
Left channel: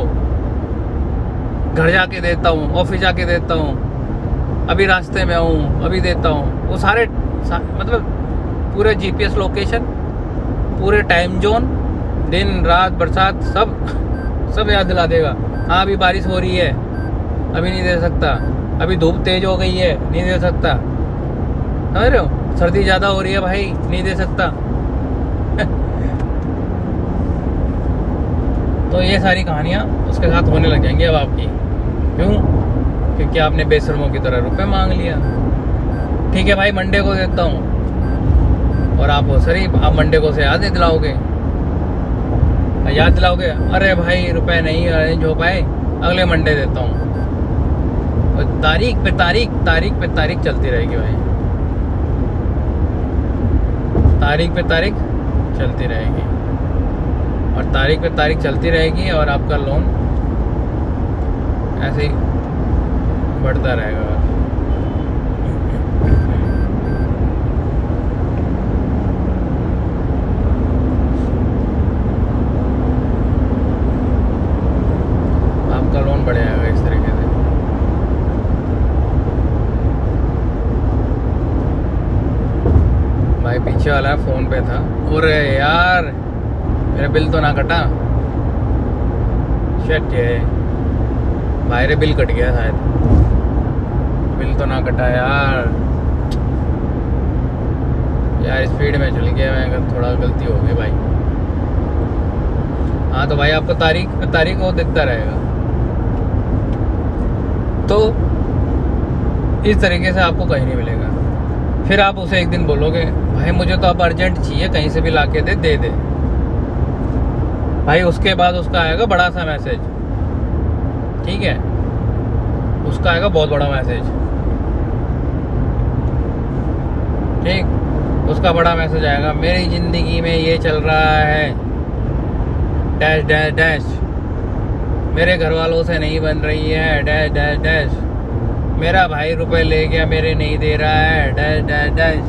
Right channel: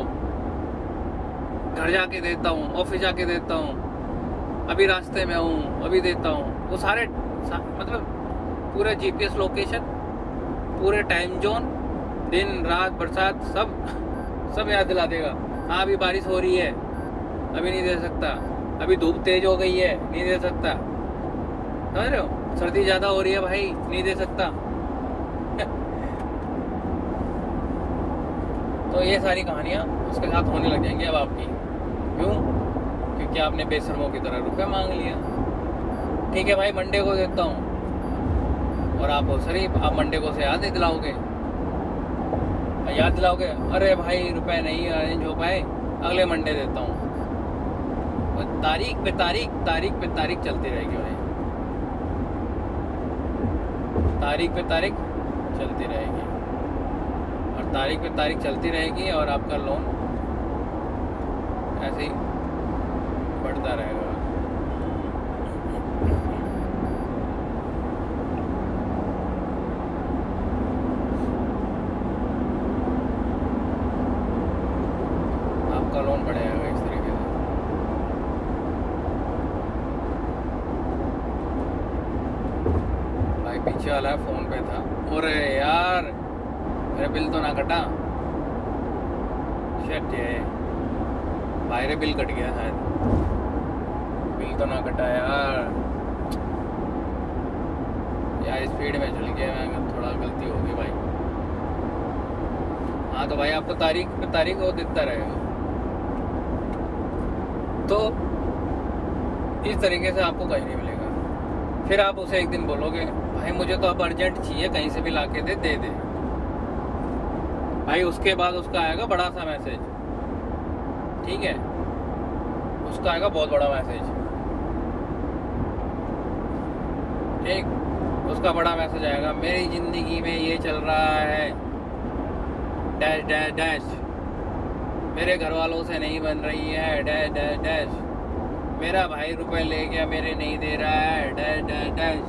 घर जाके देता हूँ, ऑफिस जाके देता हूँ, अभी रास्ते में हूँ अभी देता हूँ, वो सारे मतलब पूरे जीपीएस लोकेशन, पूरे टाइम जोन, दिन रात बरसात सब याद दिला देगा। हाँ अभी बारिश हो रही है, अभी नहीं दे सकता, अभी धूप तेज हो गई है, नहीं दे सकता, समझ रहे हो, सर्दी ज़्यादा हो रही है भाई, नहीं दे सकता। तो ये सारी कहानियाँ उसके साथ होने लग जाएंगी अब आपकी। क्यों? क्योंकि आपने बेशर्मों की तरह रुपए मांग लिया। ठीक है भाई, मंडे को देता हूँ, और आप आप मंडे को से याद नहीं दिलाओगे, याद दिलाओगे, अरे भाई रुपए नहीं अरेंज हो पाए, अगले मंडे देता हूँ। और तारीख पे तारीख चलती रहेगी भाई, तारीख पे तारीख चलती रहेगी, और तारीख पे तारीख चलती रहेगी, और आपका लोन ऐसे ही बढ़ता रहेगा। आपका लोन बढ़ जाएगा इस तरीके से। भाई पीछे वाला फ़ोन पे था, अरे यार मेरा बिल तो ना कटा, शिट ये भाई रे बिल कट गया शायद, बिल तो ना कटा यार स्पीड में चल गया मैं, थोड़ा गलती हो गई भाई। हाँ तो भाई आपको तारीख पे तारीख वो दिखता रहेगा। तो इस तरीके से आपको कहीं नहीं मिलेगा। फिर आप उसे एक दिन बोलोगे भाई मुझे तो अब अर्जेंट चाहिए, कहीं से भी ला के दे दे भाई। उसके बाद उसका आएगा बड़ा सा मैसेज, ठीक है, उसका आएगा बहुत बड़ा मैसेज, ठीक, उसका बड़ा मैसेज आएगा, मेरी ज़िंदगी में ये चल रहा है डैश डैश डैश, मेरे घर वालों से नहीं बन रही है डैश डैश डैश, मेरा भाई रुपए ले गया मेरे नहीं दे रहा है डैश डैश डैश,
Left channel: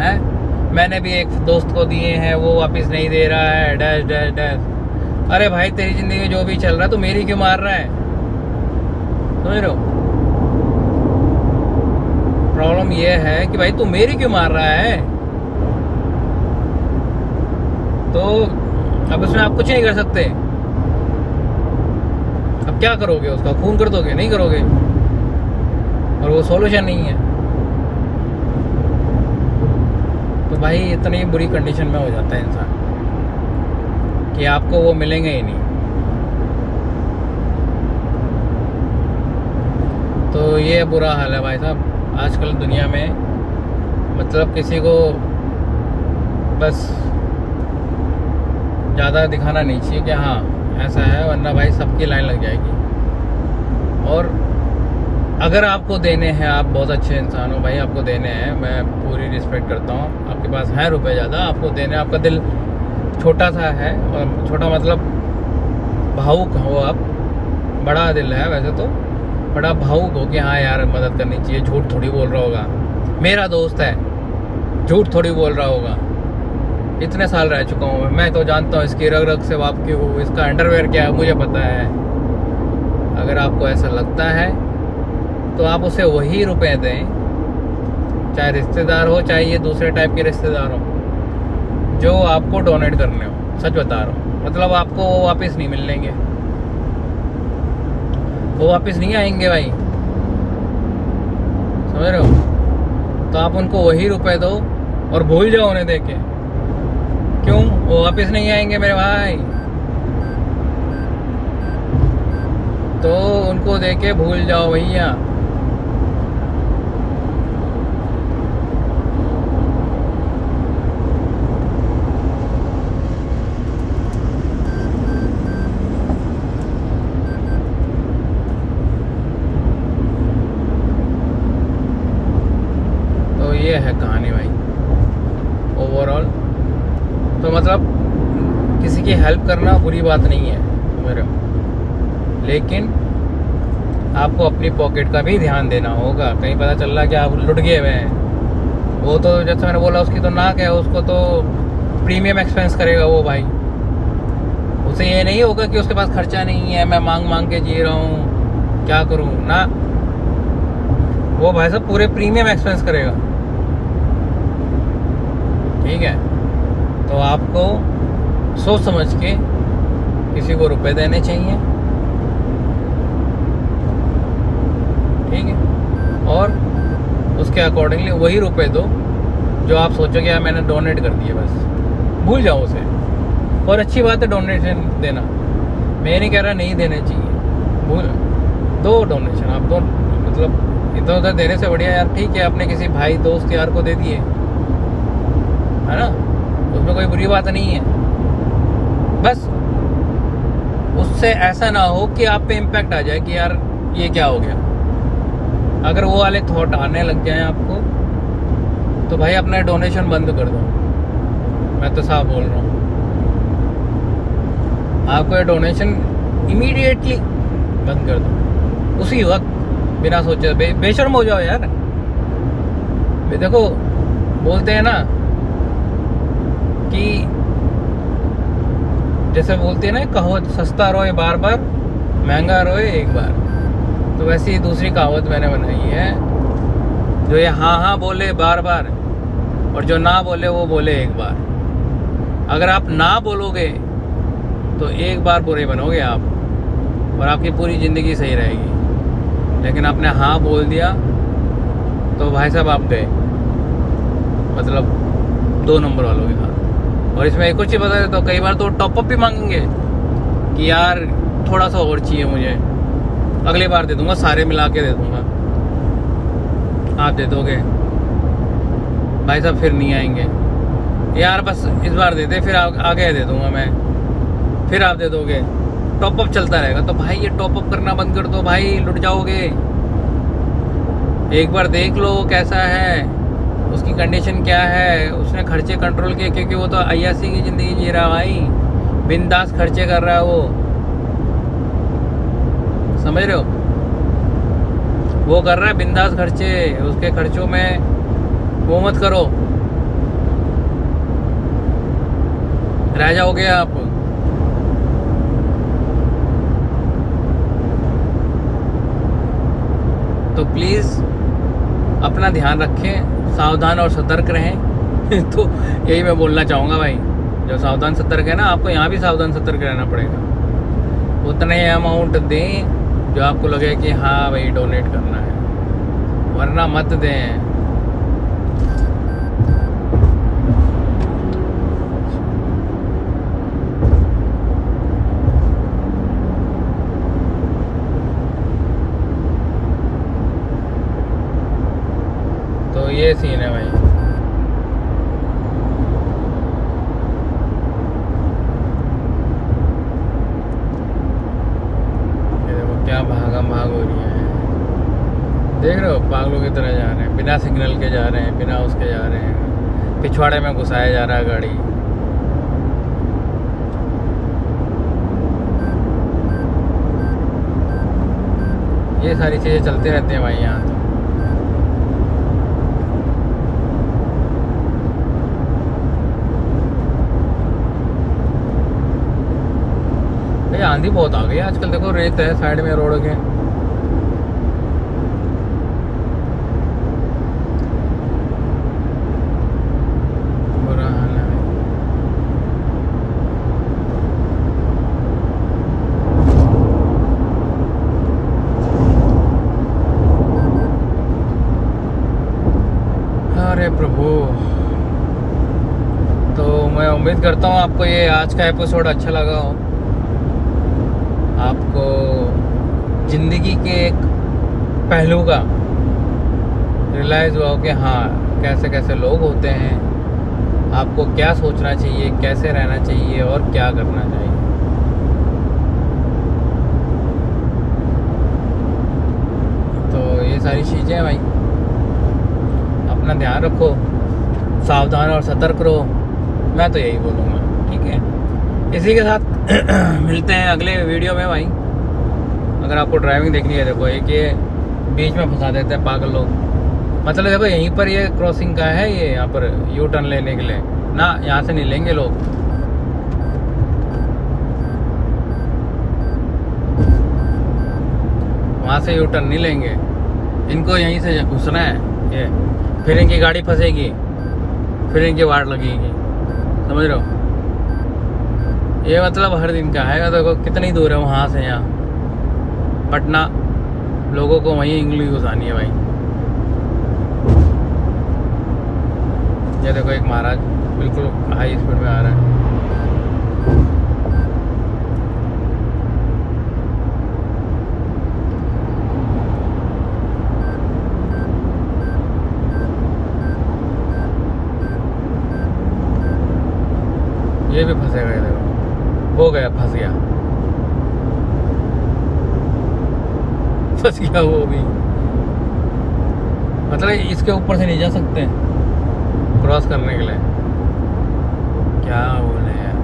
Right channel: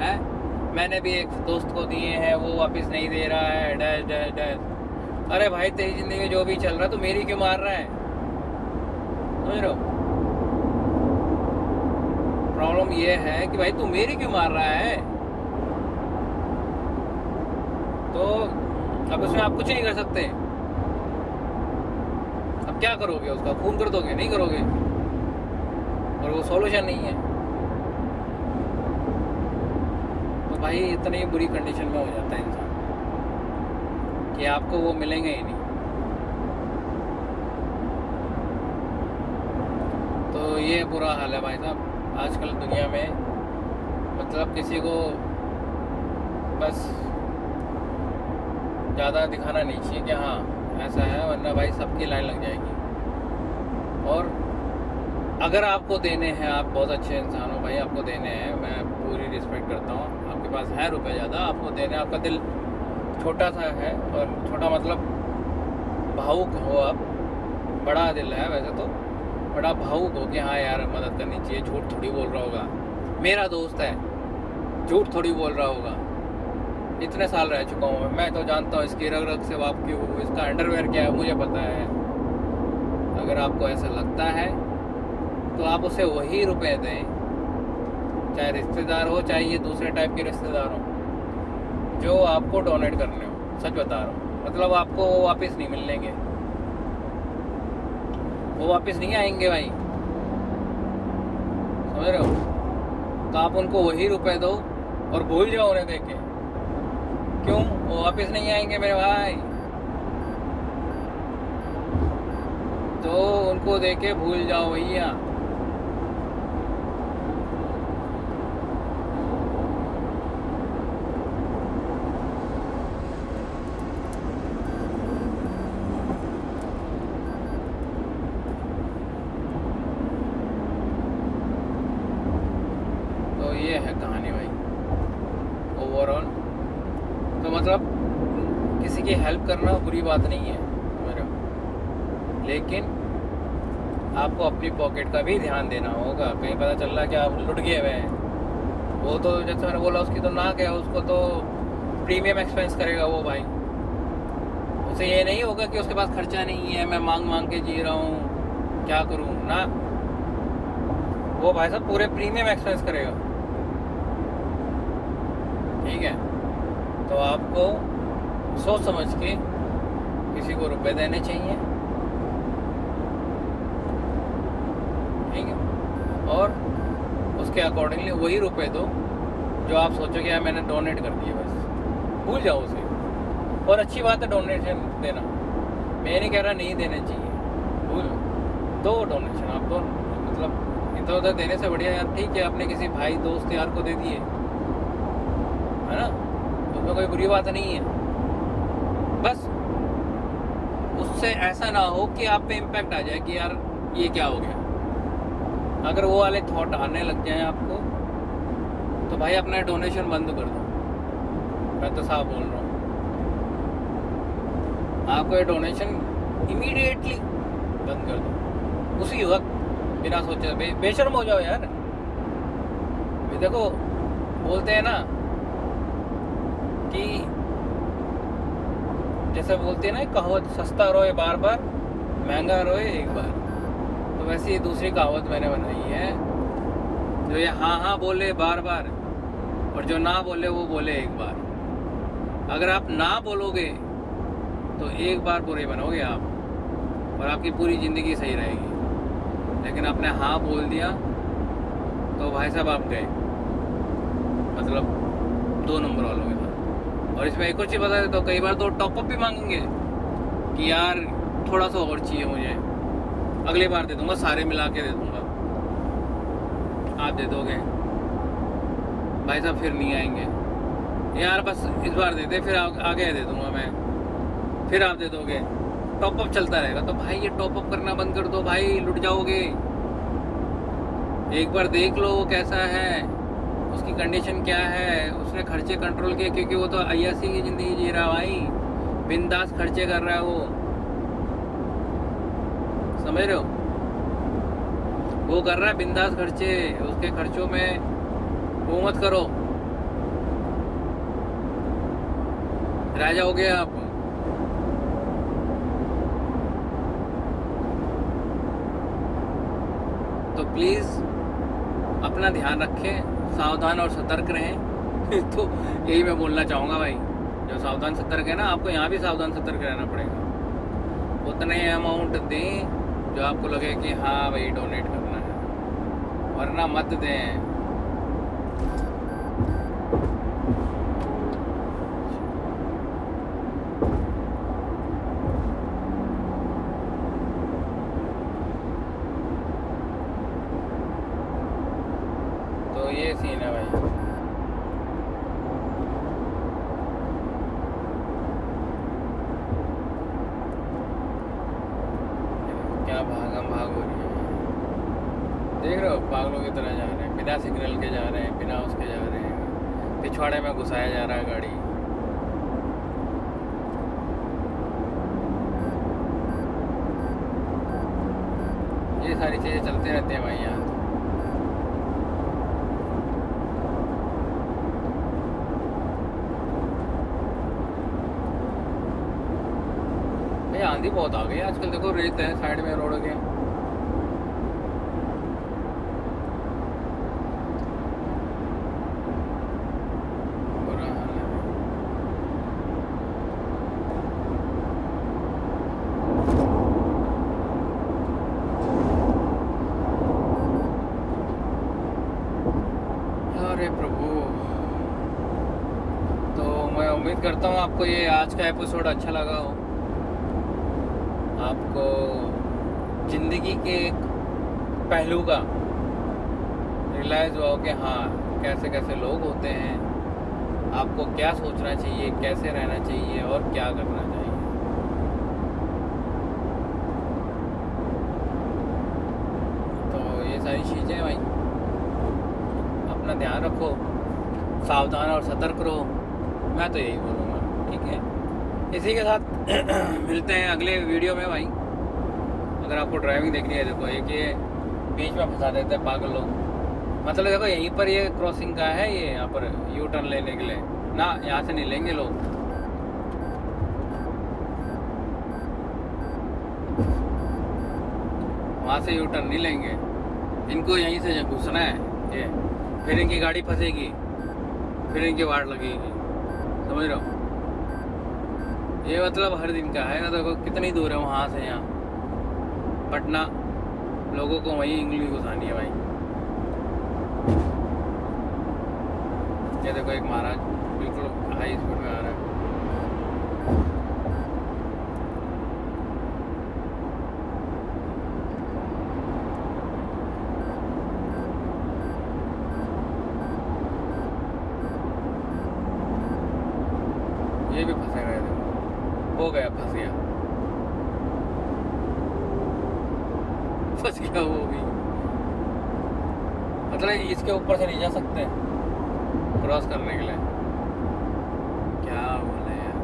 है मैंने भी एक दोस्त को दिए हैं वो वापस नहीं दे रहा है डैश डैश डैश। अरे भाई तेरी जिंदगी में जो भी चल रहा है तो मेरी क्यों मार रहा है? समझ रहे हो? प्रॉब्लम ये है कि भाई तू मेरी क्यों मार रहा है? तो अब इसमें आप कुछ नहीं कर सकते। अब क्या करोगे? उसका खून कर दोगे? नहीं करोगे, और वो सॉल्यूशन नहीं है। तो भाई इतनी बुरी कंडीशन में हो जाता है इंसान कि आपको वो मिलेंगे ही नहीं। तो ये बुरा हाल है भाई साहब आजकल दुनिया में। मतलब किसी को बस ज़्यादा दिखाना नहीं चाहिए कि हाँ ऐसा है, वरना भाई सबकी लाइन लग जाएगी। और अगर आपको देने हैं, आप बहुत अच्छे इंसान हो भाई, आपको देने हैं, मैं पूरी रिस्पेक्ट करता हूँ। आपके पास हैं रुपए ज़्यादा, आपको देने, आपका दिल छोटा सा है, और छोटा मतलब भावुक हो आप। बड़ा दिल है वैसे तो, बड़ा भावुक हो कि हाँ यार मदद करनी चाहिए। झूठ थोड़ी बोल रहा होगा, मेरा दोस्त है, झूठ थोड़ी बोल रहा होगा। इतने साल रह चुका हूँ मैं, तो जानता हूँ इसकी रग रग से वाकिफ हूँ, इसका अंडरवेयर क्या है मुझे पता है। अगर आपको ऐसा लगता है तो आप उसे वही रुपए दें, चाहे रिश्तेदार हो, चाहे ये दूसरे टाइप के रिश्तेदार हो, जो आपको डोनेट करने हो। सच बता रहा हूँ, मतलब आपको वो वापस नहीं मिलेंगे, वो वापस नहीं आएंगे भाई। समझ रहे हो? तो आप उनको वही रुपए दो और भूल जाओ उन्हें दे के। क्यों? वो वापस नहीं आएंगे मेरे भाई, तो उनको दे के भूल जाओ भैया। तो ये है कहानी भाई ओवरऑल। तो मतलब किसी की हेल्प करना बुरी बात नहीं है मेरे, लेकिन आपको अपनी पॉकेट का भी ध्यान देना होगा। कहीं पता चल रहा है कि आप लुट गए हुए हैं, वो तो जैसे मैंने बोला उसकी तो नाक है, उसको तो प्रीमियम एक्सपेंस करेगा वो भाई। उसे ये नहीं होगा कि उसके पास खर्चा नहीं है, मैं मांग मांग के जी रहा हूँ, क्या करूँ ना। वो भाई साहब पूरे प्रीमियम एक्सपेंस करेगा। ठीक है? तो आपको सोच समझ के किसी को रुपए देने चाहिए। ठीक है? और उसके अकॉर्डिंगली वही रुपए दो जो आप सोचो कि यार मैंने डोनेट कर दिए, बस भूल जाओ उसे। और अच्छी बात है डोनेशन देना, मैं नहीं कह रहा नहीं देने चाहिए, भूल दो डोनेशन आप दो। मतलब इधर उधर देने से बढ़िया यार ठीक है अपने किसी भाई दोस्त यार को दे दिए, है ना, उसमें कोई बुरी बात नहीं है। बस उससे ऐसा ना हो कि आप पे इम्पैक्ट आ जाए कि यार ये क्या हो गया। अगर वो वाले थॉट आने लग जाए आपको तो भाई अपना डोनेशन बंद कर दो। मैं तो साफ बोल रहा हूँ, आपको ये डोनेशन इमीडिएटली बंद कर दो, उसी वक्त, बिना सोचे। बेशर्म हो जाओ यार। देखो बोलते हैं ना कि जैसे बोलते हैं ना कहावत, सस्ता रोए बार बार, महंगा रोए एक बार। तो वैसे ही दूसरी कहावत मैंने बनाई है, जो ये हाँ हाँ बोले बार बार और जो ना बोले वो बोले एक बार। अगर आप ना बोलोगे तो एक बार बुरे बनोगे आप, और आपकी पूरी ज़िंदगी सही रहेगी। लेकिन आपने हाँ बोल दिया तो भाई साहब आप गए, मतलब 2 नंबर वालों के साथ। और इसमें एक और चीज़ बता देता हूँ, कई बार तो टॉपअप भी मांगेंगे कि यार थोड़ा सा और चाहिए मुझे, अगली बार दे दूंगा, सारे मिला के दे दूंगा। आप दे दोगे भाई साहब, फिर नहीं आएंगे यार, बस इस बार दे दे, फिर आगे दे दूंगा मैं, फिर आप दे दोगे। टॉपअप चलता रहेगा। तो भाई ये टॉपअप करना बंद कर दो भाई, लुट जाओगे। एक बार देख लो कैसा है, उसकी कंडीशन क्या है, उसने खर्चे कंट्रोल किए, क्योंकि वो तो अय्यासी की ज़िंदगी जी रहा है भाई, बिंदास खर्चे कर रहा है वो। समझ रहे हो? वो कर रहा है बिंदास खर्चे, उसके खर्चों में वो मत करो, रह जाओगे आप। प्लीज़ अपना ध्यान रखें, सावधान और सतर्क रहें। तो यही मैं बोलना चाहूँगा भाई, जो सावधान सतर्क है ना, आपको यहाँ भी सावधान सतर्क रहना पड़ेगा। उतने अमाउंट दें जो आपको लगे कि हाँ भाई डोनेट करना है, वरना मत दें। तो ये सीन है भाई। क्या भागम भाग हो रही है, देख रहे हो, पागलों की तरह जा रहे हैं, बिना सिग्नल के जा रहे हैं, बिना उसके जा रहे हैं, पिछवाड़े में घुसाया जा रहा है गाड़ी। ये सारी चीज़ें चलते रहते हैं भाई यहाँ तो। भाई आंधी बहुत आ गई आजकल, देखो रेत है साइड में रोड के। बुरा हाल है भाई। अरे प्रभु, तो मैं उम्मीद करता हूँ आपको ये आज का एपिसोड अच्छा लगा हो, आपको ज़िंदगी के एक पहलू का रियलाइज़ हुआ हो कि हाँ कैसे कैसे लोग होते हैं, आपको क्या सोचना चाहिए, कैसे रहना चाहिए और क्या करना चाहिए। तो ये सारी चीज़ें भाई, अपना ध्यान रखो, सावधान और सतर्क रहो, मैं तो यही बोलूँगा। ठीक है, इसी के साथ मिलते हैं अगले वीडियो में भाई। अगर आपको ड्राइविंग देखनी है, देखो एक ये बीच में फंसा देते हैं पागल लोग, मतलब देखो यहीं पर ये क्रॉसिंग का है, ये यहाँ पर यू टर्न लेने के लिए ना, यहाँ से नहीं लेंगे लोग। वहाँ से यू टर्न नहीं लेंगे, इनको यहीं से घुसना है ये, फिर इनकी गाड़ी फंसेगी, फिर इनकी वाट लगेगी, समझ रहे हो। ये मतलब हर दिन का है। देखो कितनी दूर है वहाँ से यहाँ पटना, लोगों को वहीं इंग्लिश घुसानी है भाई। ये देखो एक महाराज बिल्कुल हाई स्पीड में आ रहा है। ये भी फंसेगा, ये देखो हो गया, फंस गया, फंस गया वो भी। मतलब इसके ऊपर से नहीं जा सकते क्रॉस करने के लिए, क्या बोले यार।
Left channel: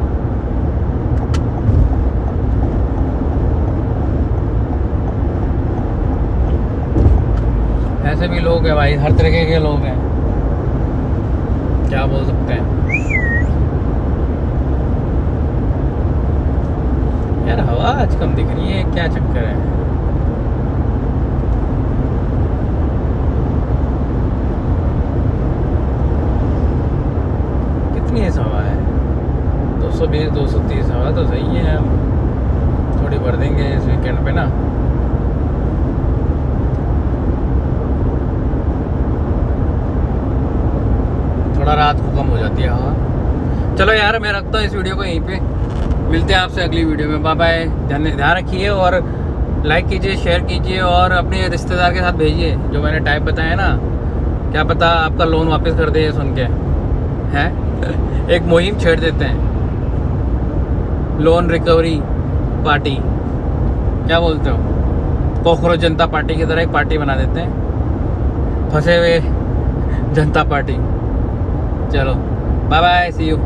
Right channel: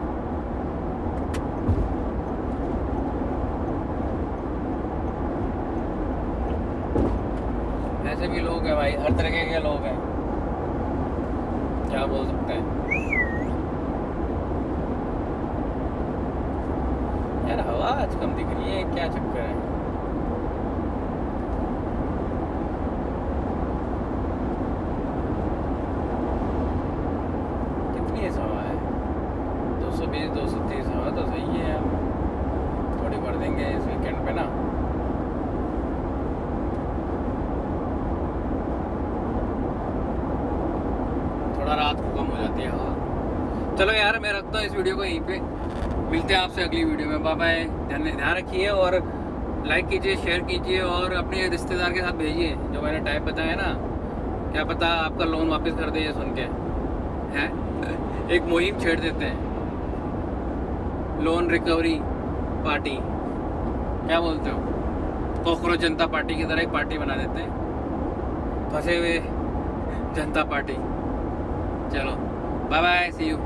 ऐसे भी लोग हैं भाई, हर तरीके के लोग हैं, क्या बोल सकते हैं यार। हवा आज कम दिख रही है, क्या चक्कर है। कितनी है हवा है, 220 230 हवा तो सही है। हम थोड़ी भर देंगे इस वीकेंड पे ना। थोड़ा रात को कम हो जाती है हवा। चलो यार मैं रखता हूँ इस वीडियो को यहीं पे, मिलते हैं आपसे अगली वीडियो में। बाय बाय, ध्यान रखिए और लाइक कीजिए, शेयर कीजिए और अपने रिश्तेदार के साथ भेजिए। जो मैंने टाइप बताया ना, क्या पता आपका लोन वापस कर दे सुन के, हैं। एक मुहिम छेड़ देते हैं, लोन रिकवरी पार्टी, क्या बोलते हो, कॉकरोच जनता पार्टी की तरह एक पार्टी बना देते हैं, फंसे हुए जनता पार्टी। चलो बाय बाय, सी यू।